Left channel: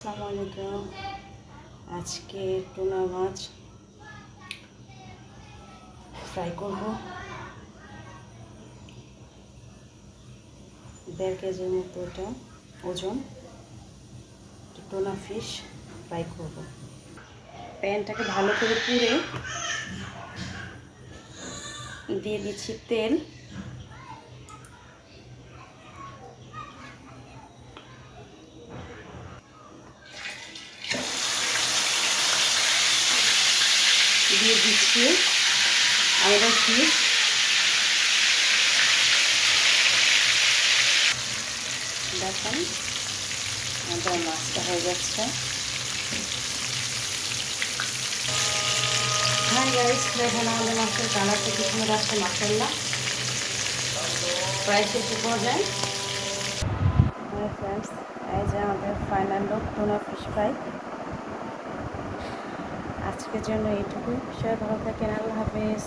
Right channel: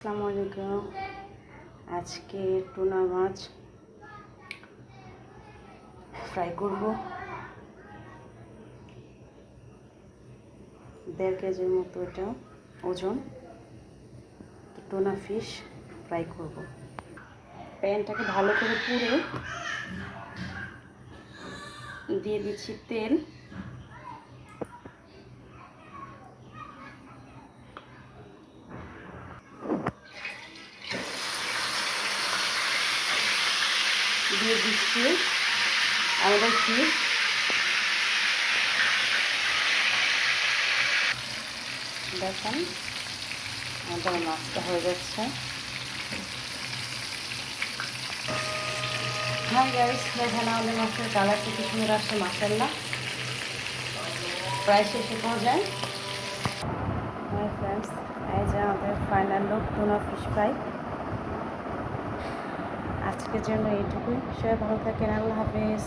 আসসালামু আলাইকুম। আজকে টুনা মাছ ফ্রাই করব। 1.5 কেজির মতো এটা ওজন। টুনা ফিশ ফ্রাই করব। প্যানটাকে ভালো করে পুড়ে দিয়ে দিচ্ছি তেল। দিয়ে দিচ্ছি আমাদের ফিশ। দেখেন আমাদের মাছটা হয়ে যাচ্ছে। হ্যাঁ গাইস, দেখেন আমাদের মাছের কালারটা কি সুন্দর আসছে, মাশাআল্লাহ। প্রায় শেষে পর্যায়ে হ্যাঁ ফ্রেন্ডস, এই যে আমাদের final look tuna fish fry. আজকের জন্য এইটুকুই। সবাই ভালো থাকেন। আল্লাহ হাফেজ।